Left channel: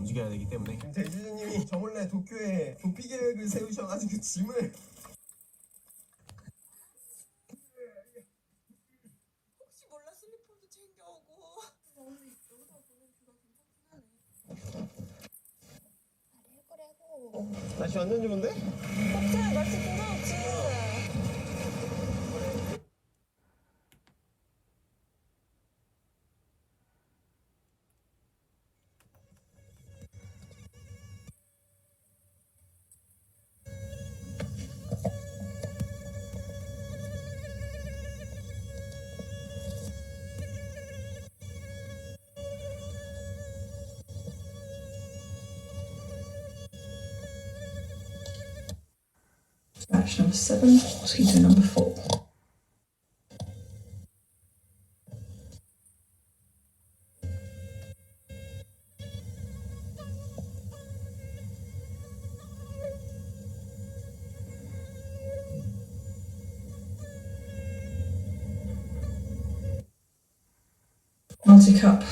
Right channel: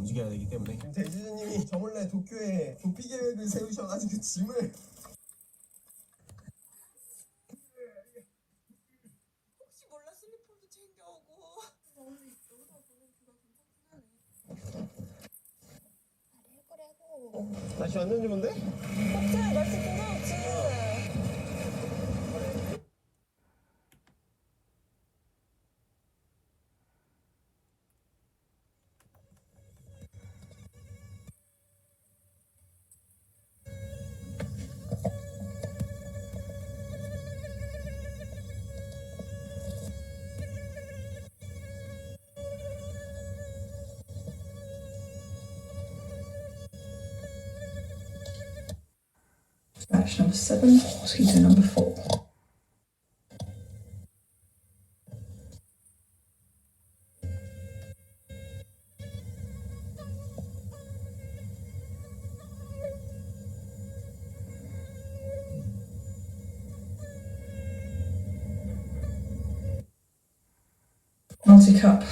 움직여야 되기 때문에. 대주주님이 저 몰래 도쿄에 도피 계획을 세우셔가지고 짐을 혹시 몰라 슬리퍼도 챙겨오고. 날씨 완전 좋은데? 그래 날씨 굉장히 좋지. Action number 7, mosquito number 4. Multi-cup.